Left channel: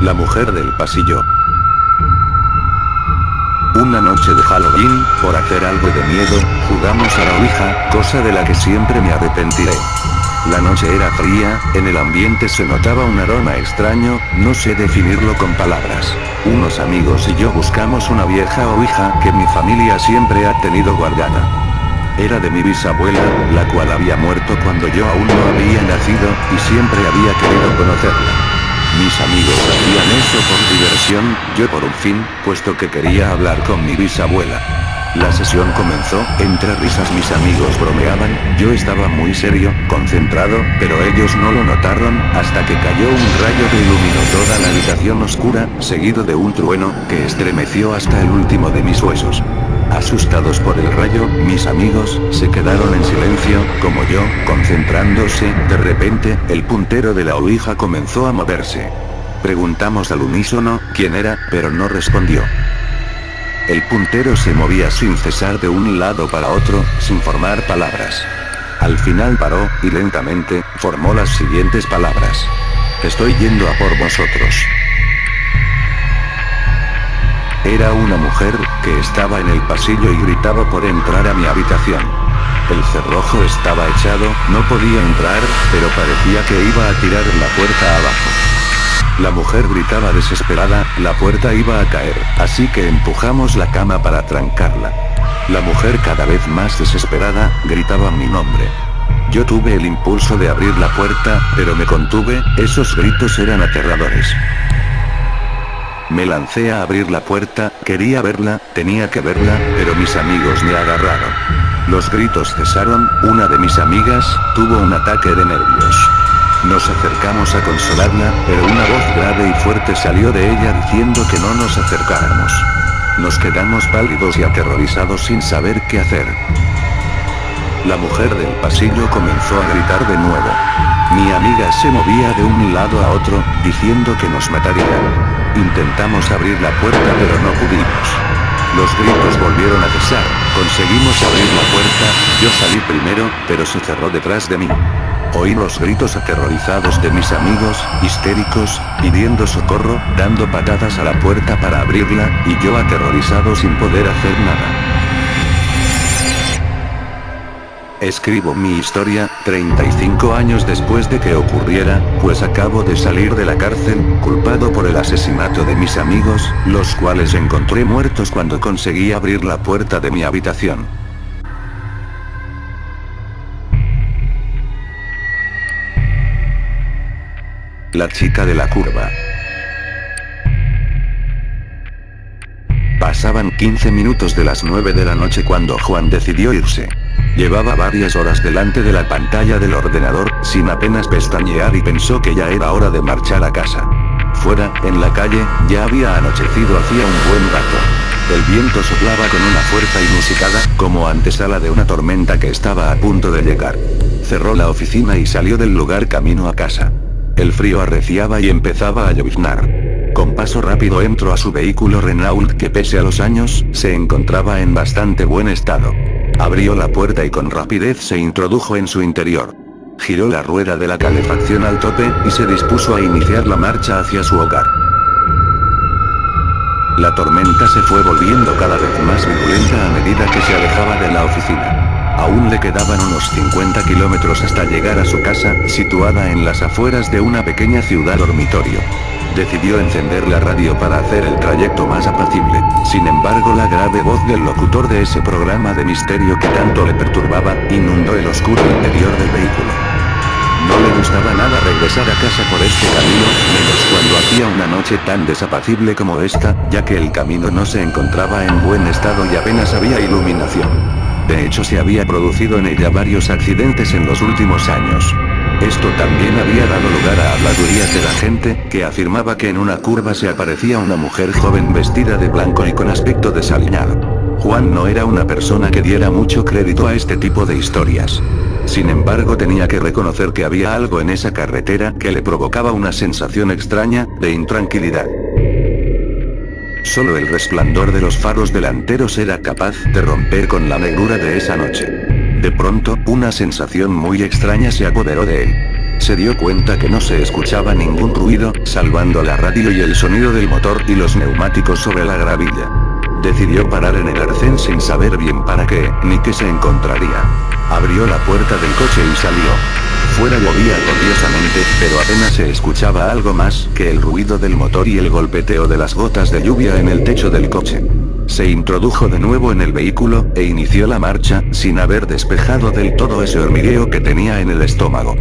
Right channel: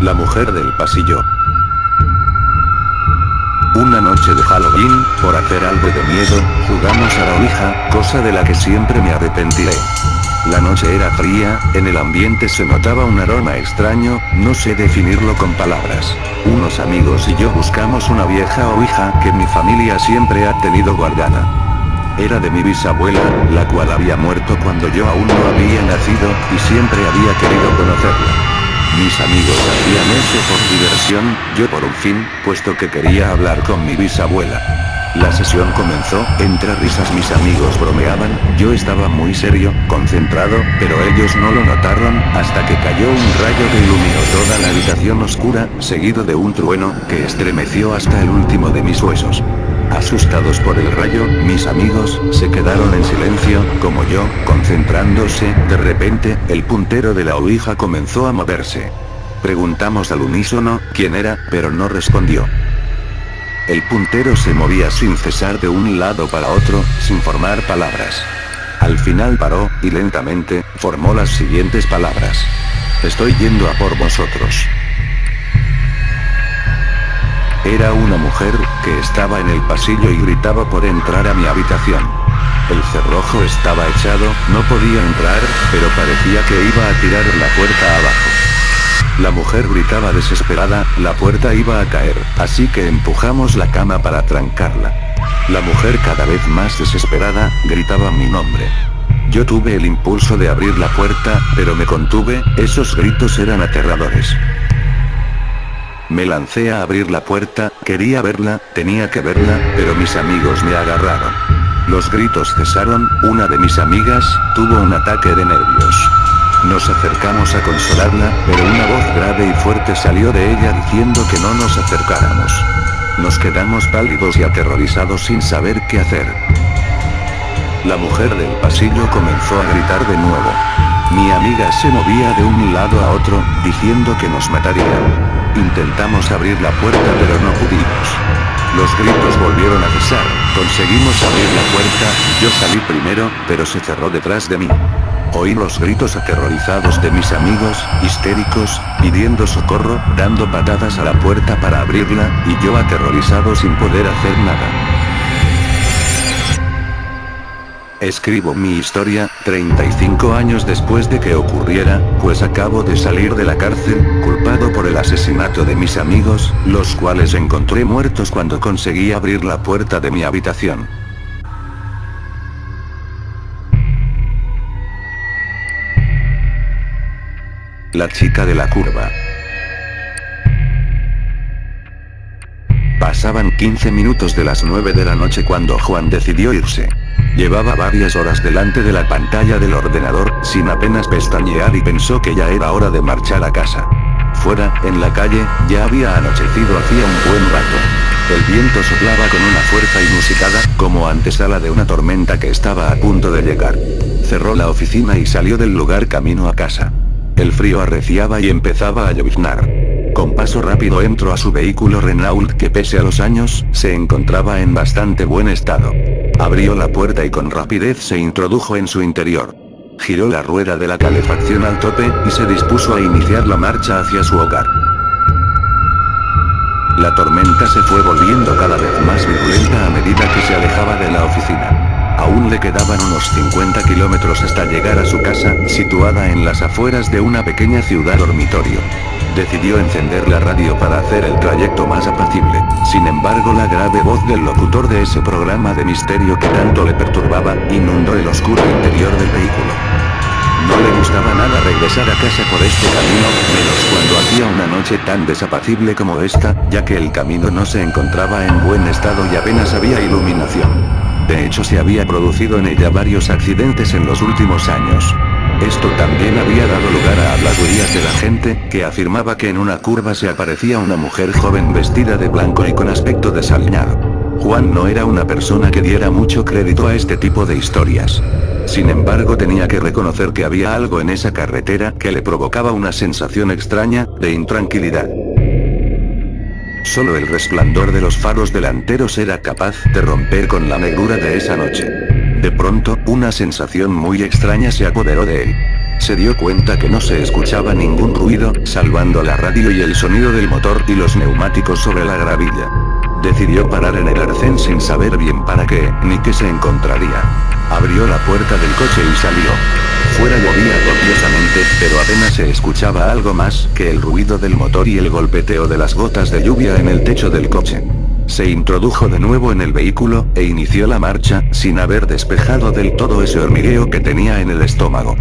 La mujer del pasillo. Una noche de Halloween, por hacer algo de miedo, jugamos a la ouija, cosa de la que siempre me arrepentiré. La noche era fría, en el ambiente se notaba un aroma extraño, no sé definirlo con palabras. Unos amigos y yo buscamos una vieja ouija que mi familia siempre ha tenido guardada. Era de mi bisabuela, la cual había muerto cuando yo aún no había nacido, y siempre había querido conocerla. Mis amigos hacían eso por diversión, yo por un fin, puesto que quería hablar con mi bisabuela. La sesión comenzó, entre risas mis amigos bromeaban, yo estaba muy serio, concentrado, pero ellos no lo notaron, hasta que cayó un rayo que iluminó toda la habitación oscura, seguido de un trueno, que estremeció hasta el último de mis huesos. Asustados por el rayo, mis amigos se quedaron en silencio, como yo, concentrándose. De repente, el puntero de la ouija comenzó a moverse. Preguntamos al unísono quién era, pero no respondió. El puntero se movía sin cesar de un lado para otro, sin formar palabras. Al final paró, y lentamente, formó las siguientes palabras. Estoy yendo a por vosotros. Era una mujer, que estaba en el pasillo y gritaba por entrar a mi habitación. El cerrojo estaba echado, no podía entrar, pero parecía que iba a tirar la puerta abajo. La mujer gritaba desesperada, la puerta iba a caer, así que empujamos la cama para trancarla. La mujer cada vez más desesperada, gritaba mi nombre. Yo tuve el impulso de abrir la puerta, pero me contuve, esos gritos eran aterradores. Me lancé a abrir la puerta, quería verla, tenía que verla, pero mis amigos me agarraron. Los gritos cesaron, una de mis amigas, tuvo un ataque de nervios. Nos acercamos a consolarla, pero una voz grave y fuerte salió de ella diciendo que no nos acercáramos. Nos quedamos pálidos y aterrorizados sin saber qué hacer. La mujer del pasillo comenzó a gritar de nuevo. Mi amiga se movía de un lado a otro, diciendo que nos mataría. Intentamos abrir la puerta pero no pudimos. Los gritos volvieron a cesar, conseguimos abrir la puerta, yo salí primero, pero se cerró detrás de mí. Oí los gritos aterrorizados de mis amigos, histéricos, pidiendo socorro, dando patadas a la puerta para abrirla, y yo aterrorizado sin poder hacer nada. Escribo mi historia, 35 años después de que ocurriera, pues acabo de salir de la cárcel, culpado por el asesinato de mis amigos, los cuales encontré muertos cuando conseguí abrir la puerta de mi habitación. La chica de la curva. Pasaban 15 minutos de las 9 de la noche cuando Juan decidió irse. Llevaba varias horas delante de la pantalla del ordenador, sin apenas pestañear, y pensó que ya era hora de marchar a casa. Fuera, en la calle, ya había anochecido hacía un buen rato. El viento soplaba con una fuerza inusitada, como antesala de una tormenta que estaba a punto de llegar. Cerró la oficina y salió del lugar camino a casa. El frío arreciaba y empezaba a lloviznar. Con paso rápido entró a su vehículo Renault que pese a los años, se encontraba en bastante buen estado. Abrió la puerta y con rapidez se introdujo en su interior. Giró la rueda de la calefacción al tope, y se dispuso a iniciar la marcha hacia su hogar. La tormenta se fue volviendo cada vez más virulenta a medida que se alejaba de la oficina. Aún le quedaban unos 50 kilómetros hasta llegar a su casa, situada en las afueras de una pequeña ciudad dormitorio. Decidió encender la radio para hacer el trayecto más apacible. Sin embargo, la grave voz del locutor de ese programa de misterio que tanto le perturbaba, inundó el oscuro interior del vehículo. No le gustaba nada regresar a casa por este camino, menos cuando hacía una noche tan desapacible como esta, ya que el camino no se encontraba en buen estado y apenas había iluminación. De hecho, se había producido en ella varios accidentes en los últimos años. Esto también había dado lugar a habladurías de la gente, que afirmaba que en una curva se aparecía una mujer joven vestida de blanco y con aspecto desaliñado. Juan no era una persona que diera mucho crédito a este tipo de historias. Sin embargo, tenía que reconocer que había algo en esa carretera que le provocaba una sensación extraña, de intranquilidad. Solo el resplandor de los faros delanteros era capaz de romper con la negrura de esa noche. De pronto, una sensación muy extraña se apoderó de él. Se dio cuenta que no se escuchaba ningún ruido, salvando la radio y el sonido del motor y los neumáticos sobre la gravilla. Decidió parar en el arcén sin saber bien para qué, ni qué se encontraría. Abrió la puerta del coche y salió. Fuera llovía copiosamente, pero apenas se escuchaba algo más que el ruido del motor y el golpeteo de las gotas de lluvia en el techo del coche. Se introdujo de nuevo en el vehículo, e inició la marcha, sin haber despejado del todo ese hormigueo que tenía en el estómago.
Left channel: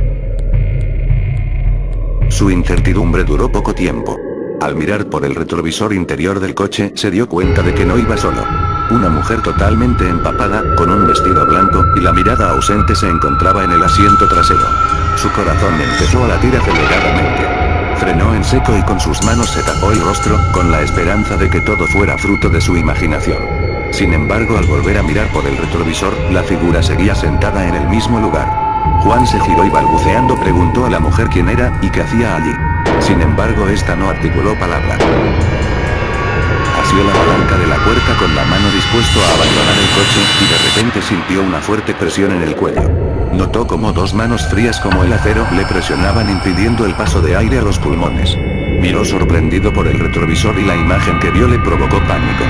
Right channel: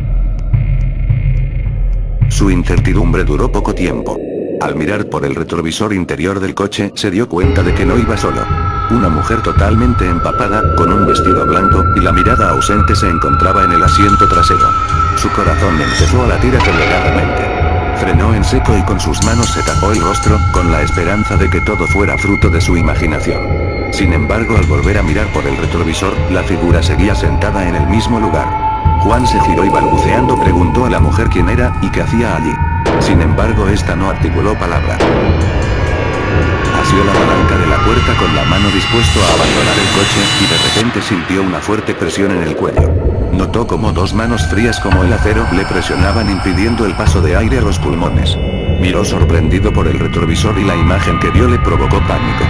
Su incertidumbre duró poco tiempo. Al mirar por el retrovisor interior del coche, se dio cuenta de que no iba solo. Una mujer totalmente empapada, con un vestido blanco, y la mirada ausente se encontraba en el asiento trasero. Su corazón empezó a latir aceleradamente. Frenó en seco y con sus manos se tapó el rostro, con la esperanza de que todo fuera fruto de su imaginación. Sin embargo, al volver a mirar por el retrovisor, la figura seguía sentada en el mismo lugar. Juan se giró y balbuceando preguntó a la mujer quién era, y qué hacía allí. Sin embargo, esta no articuló palabra. Asió la palanca de la puerta con la mano dispuesto a abandonar el coche, y de repente sintió una fuerte presión en el cuello. Notó como dos manos frías como el acero le presionaban impidiendo el paso de aire a los pulmones. Miró sorprendido por el retrovisor y la imagen que vio le provocó pánico.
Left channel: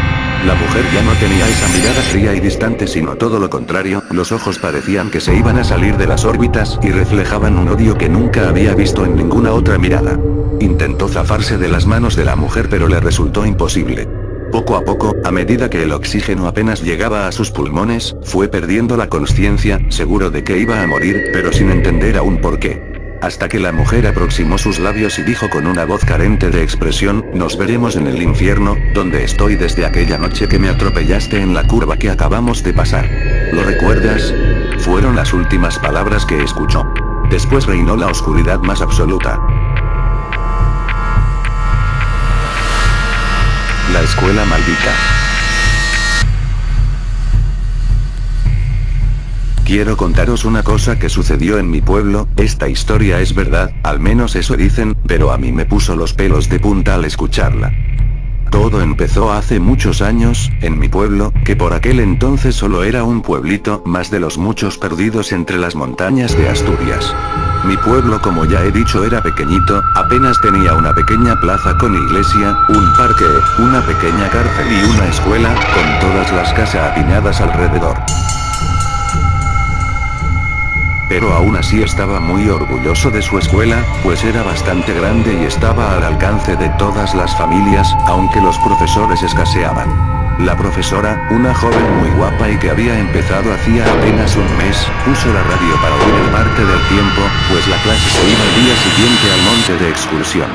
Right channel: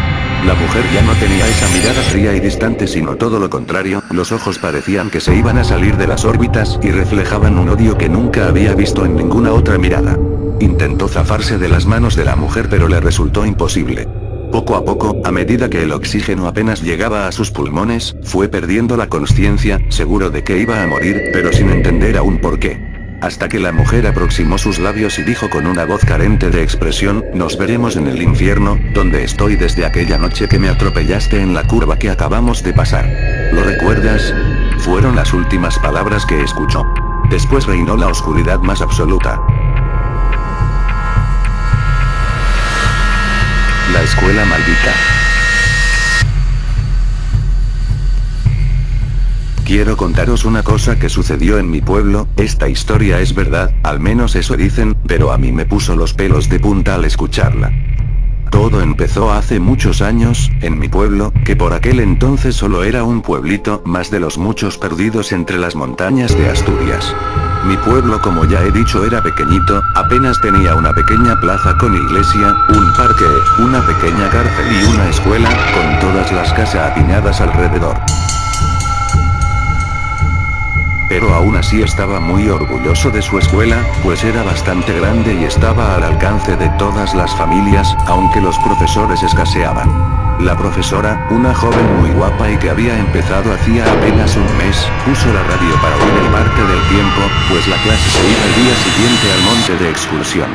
La mujer ya no tenía esa mirada fría y distante, sino todo lo contrario, los ojos parecían que se iban a salir de las órbitas y reflejaban un odio que nunca había visto en ninguna otra mirada. Intentó zafarse de las manos de la mujer pero le resultó imposible. Poco a poco, a medida que el oxígeno apenas llegaba a sus pulmones, fue perdiendo la consciencia, seguro de que iba a morir, pero sin entender aún por qué. Hasta que la mujer aproximó sus labios y dijo con una voz carente de expresión: nos veremos en el infierno, donde estoy desde aquella noche que me atropellaste en la curva que acabamos de pasar. ¿Lo recuerdas? Fueron las últimas palabras que escuchó. Después reinó la oscuridad más absoluta. La escuela maldita. Quiero contaros una cosa que sucedió en mi pueblo. Esta historia es verdad, al menos eso dicen, pero a mí me puso los pelos de punta al escucharla. Todo empezó hace muchos años, en mi pueblo, que por aquel entonces solo era un pueblito más de los muchos perdidos entre las montañas de Asturias. Mi pueblo, como ya he dicho, era pequeñito, apenas tenía una pequeña plaza con iglesia, un parque, una pequeña cárcel y una escuela, con todas las casas apiñadas alrededor. Pero aún así estaba muy orgulloso de su escuela, pues era bastante grande y estaba al alcance de todas las familias, aunque los profesores escaseaban. La profesora, una joven muy guapa y que había empezado hacía apenas un mes, puso la radio para oír el parte del tiempo, pues la clase se iba el día siguiente al monte de excursión.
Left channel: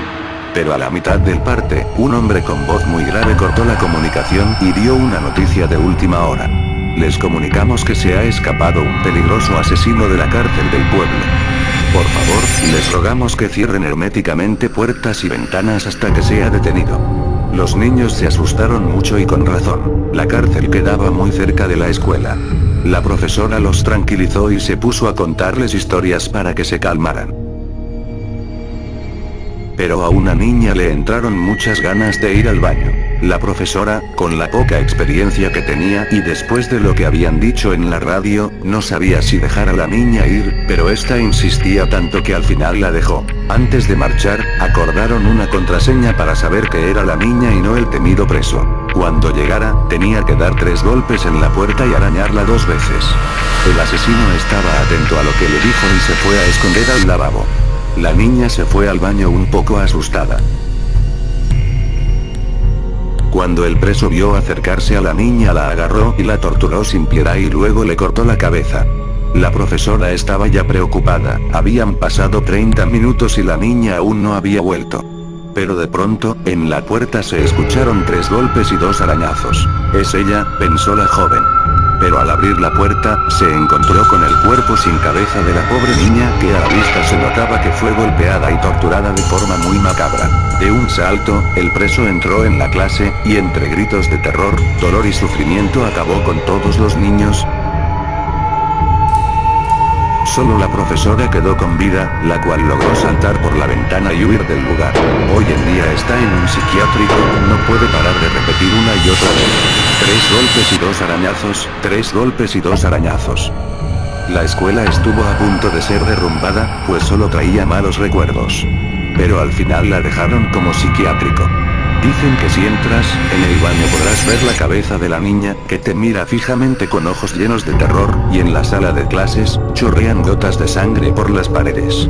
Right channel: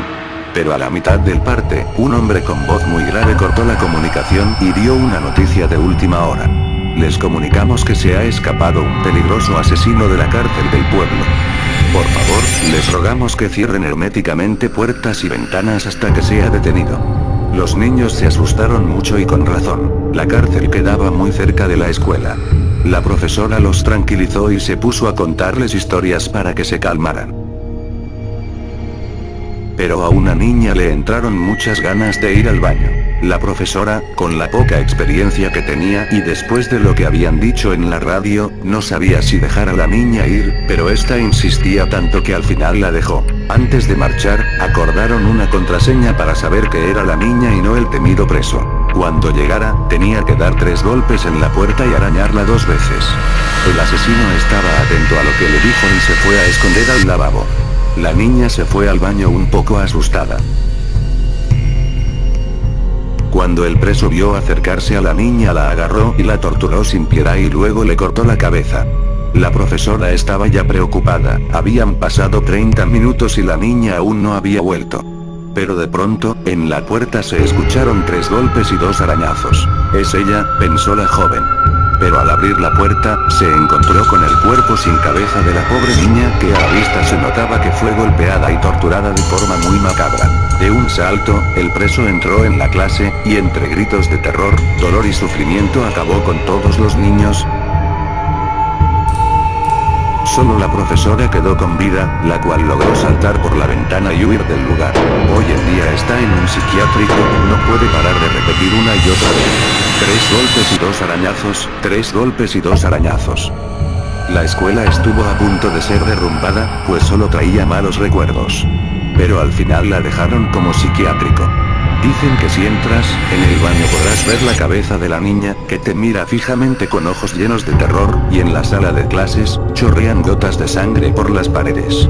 Pero a la mitad del parte, un hombre con voz muy grave cortó la comunicación y dio una noticia de última hora. Les comunicamos que se ha escapado un peligroso asesino de la cárcel del pueblo. Por favor, les rogamos que cierren herméticamente puertas y ventanas hasta que sea detenido. Los niños se asustaron mucho y con razón. La cárcel quedaba muy cerca de la escuela. La profesora los tranquilizó y se puso a contarles historias para que se calmaran. Pero a una niña le entraron muchas ganas de ir al baño. La profesora, con la poca experiencia que tenía y después de lo que habían dicho en la radio, no sabía si dejar a la niña ir, pero esta insistía tanto que al final la dejó. Antes de marchar, acordaron una contraseña para saber que era la niña y no el temido preso. Cuando llegara, tenía que dar 3 golpes en la puerta y arañarla 2 veces. El asesino estaba atento a lo que le dijo y se fue a esconder al lavabo. La niña se fue al baño un poco asustada. Cuando el preso vio acercarse a la niña, la agarró y la torturó sin piedad y luego le cortó la cabeza. La profesora estaba ya preocupada, habían pasado 30 minutos y la niña aún no había vuelto. Pero de pronto, en la puerta se escucharon 3 golpes y 2 arañazos. Es ella, pensó la joven. Pero al abrir la puerta, se encontró con el cuerpo sin cabeza de la pobre niña, que a la vista se notaba que fue golpeada y torturada de forma muy macabra. De un salto, el preso entró en la clase, y entre gritos de terror, dolor y sufrimiento acabó con todos los niños. Solo la profesora quedó con vida, la cual logró saltar por la ventana y huir del lugar. Hoy en día está en un psiquiátrico, no puede parar de repetir una y otra vez. 3 golpes y 2 arañazos, 3 golpes y 2 arañazos. La escuela estuvo a punto de ser derrumbada, pues solo traía malos recuerdos. Pero al final la dejaron como psiquiátrico. Dicen que si entras, en el baño podrás ver la cabeza de la niña, que te mira fijamente con ojos llenos de terror, y en la sala de clases, chorrean gotas de sangre por las paredes.